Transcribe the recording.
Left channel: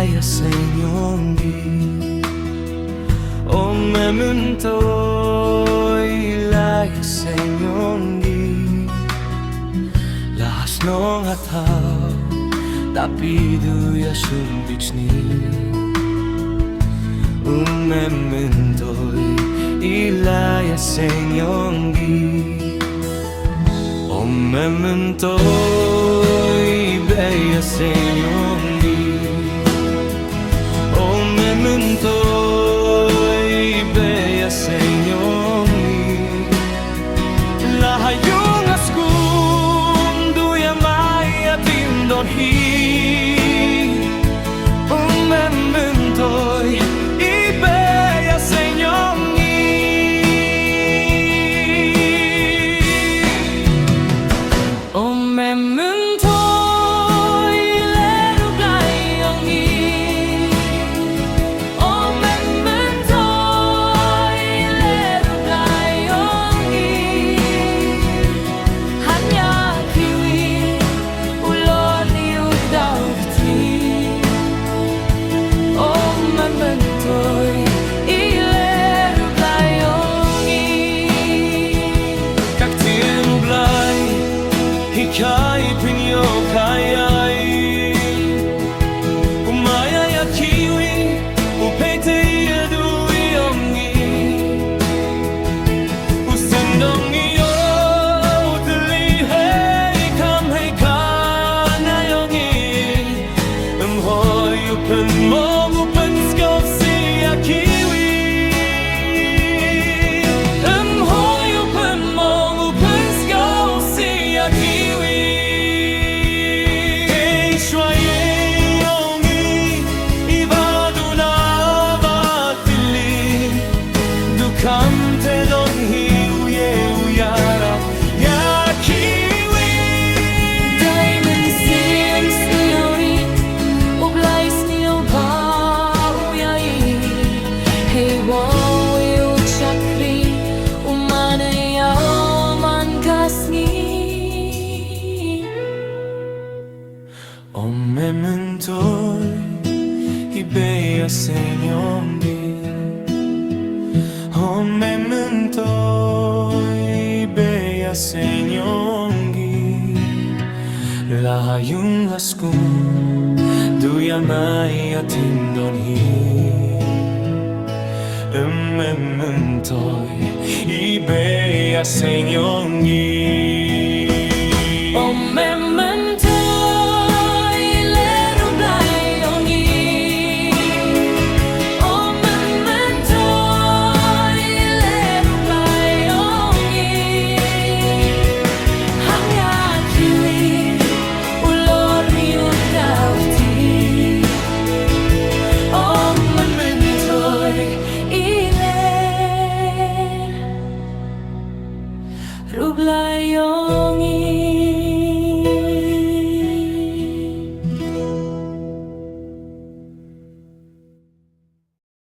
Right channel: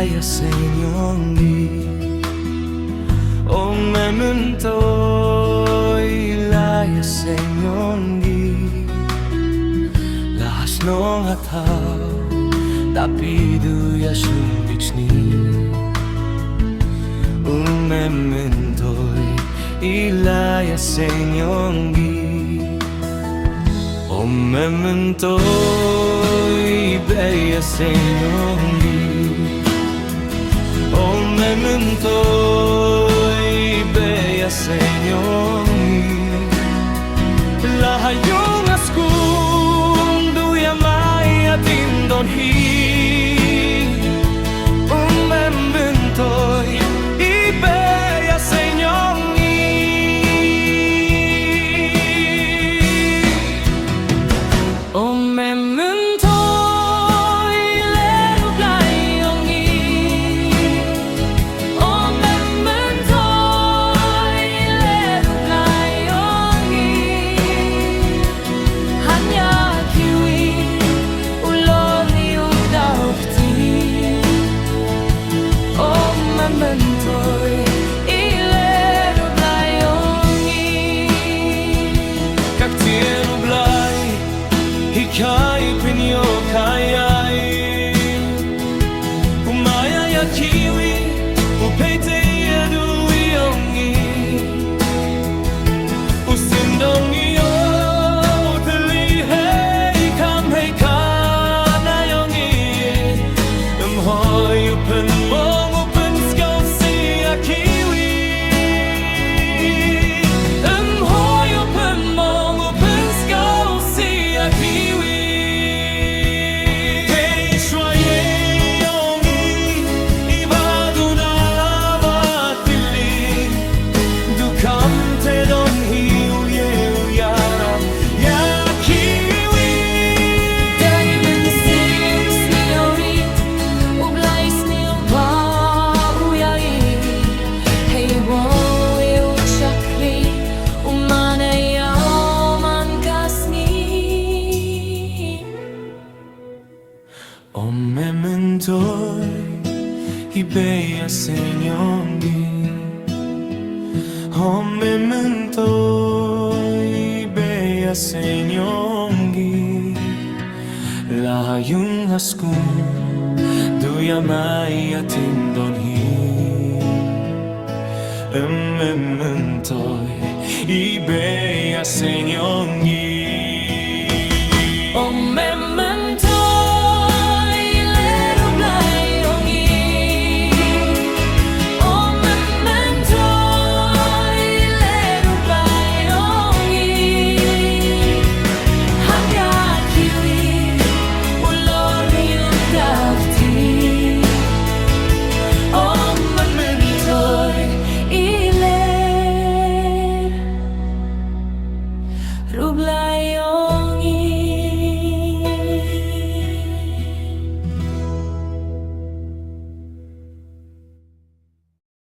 ilaya sa inyong di O memento'y ilaya sa inyong di Lahas nong hataw tapiduya sumbicni O memento'y ilaya sa inyong di O memento'y beya sa inyong di O memento'y beya sa inyong di Lahayong askum duya may atindon hi O memento'y ibeya sa inyong di O memento'y lero blayong i O memento'y lero blayong i Hanya kiwi ulon niyo daw kti O memento'y lero blayong i Kaktin ublay Hikay pinyo kayay Umaya ya kiwi Upete ya duiyongi Usendong iyo Utalihe kamhe kanayongi Hoy upen mong upen skofsi ya kiwi Hoy upen mong upen skofsi ya kiwi Hey shwaye yongi ibaduna vatili Dukam te don hi uye uyarap ya kiwi Diamond seems neori Oblais neo ba uyai Hey wo eu chakri Umanaya man kasni O memento'y ibeya sa inyong di O memento'y ibeya sa inyong di Lahayong askum duya may atindon hi Memento'y ibeya sa inyong di O memento'y